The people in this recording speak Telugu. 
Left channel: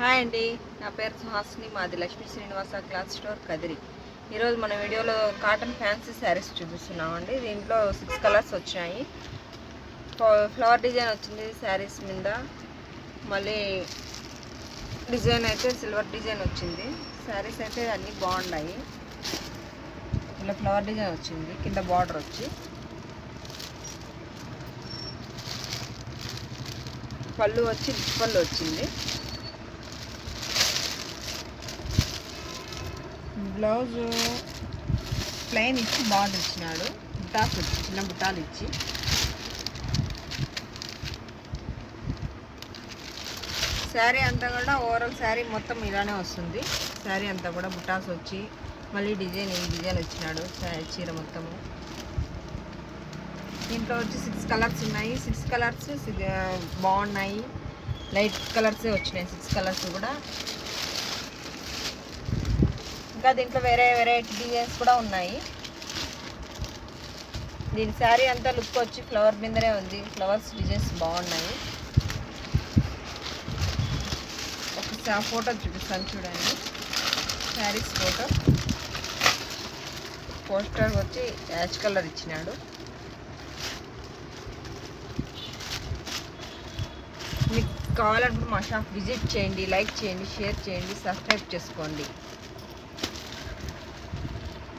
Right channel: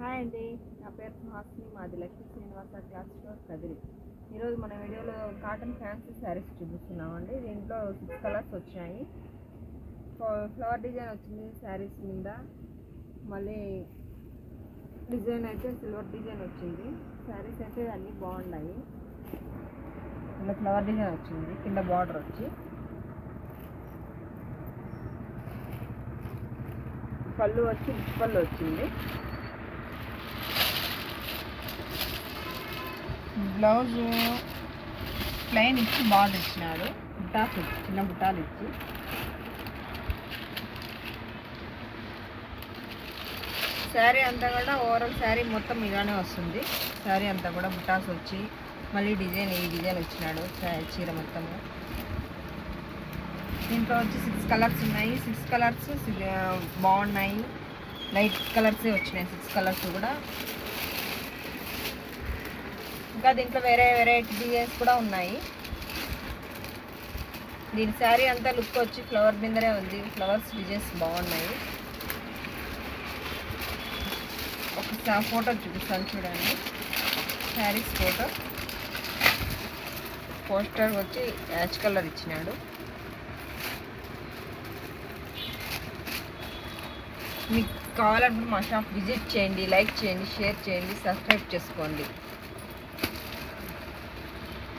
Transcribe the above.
హాయ్ అండి, నా పేరు సుహాసిని. మాది లక్ష్మీ శ్రీనివాస క్లాత్ స్టోర్ కదిరి. ఈరోజు మన వీడియోలో కాటన్ ఫ్యాన్సీ శారీస్ చూపిస్తున్నామండి. దీంట్లో 6 కలర్స్ వచ్చాయి. ఫ్లవర్ డిజైన్ వచ్చింది శారీస్ మీద. మళ్ళీ డిజైన్ అయితే సిల్వర్ డిజైన్ వచ్చింది. శారీస్ అయితే అన్నీ బాగున్నాయి. ఇలా ఫ్లవర్ డిజైన్ వచ్చింది, కింద బార్డర్ వచ్చి పళ్ళు వచ్చి పళ్ళు వచ్చింది. బ్లౌజ్ ప్లెయిన్ ఇచ్చి బార్డర్ ఇచ్చినాడు, బుట్టాస్ వచ్చి చిన్న బుట్టాలు ఇచ్చి. శారీ అంతా కూడా ఓవరాల్ శారీ మొత్తం ఇలానే వస్తుంది. శారీ అంతా కూడా బుట్టాస్ వచ్చి మళ్ళీ డిజైన్ ఈ డిజైన్ వచ్చినాడు చీర మొత్తము. దీంట్లో వచ్చి 6 కలర్స్ ఉన్నాయి. 6 కలర్స్ బాగున్నాయి. లైట్ కలర్సే వచ్చినాయి 6 కలర్స్ కూడా. ఇంకా దీంట్లో వేరే వెరైటీ డిజైన్స్ కూడా ఉన్నాయి. దీని శారీ అంతా లుక్ వచ్చి ఫ్లవర్ మీదనే ఉంది. ఫ్లవర్స్ డిజైన్స్ బాగున్నాయి. ఒకసారి ఫోటో చూపిస్తాను చూడండి. శారీస్ ఫోటో. పోస్టర్ వచ్చి యాష్ కలర్ ఇచ్చినాడు. మీకు కావాలంటే మా షాప్ విజిట్ చేయండి, లైక్ చేయండి, షేర్ చేయండి, సబ్స్క్రైబ్ చేసుకోండి.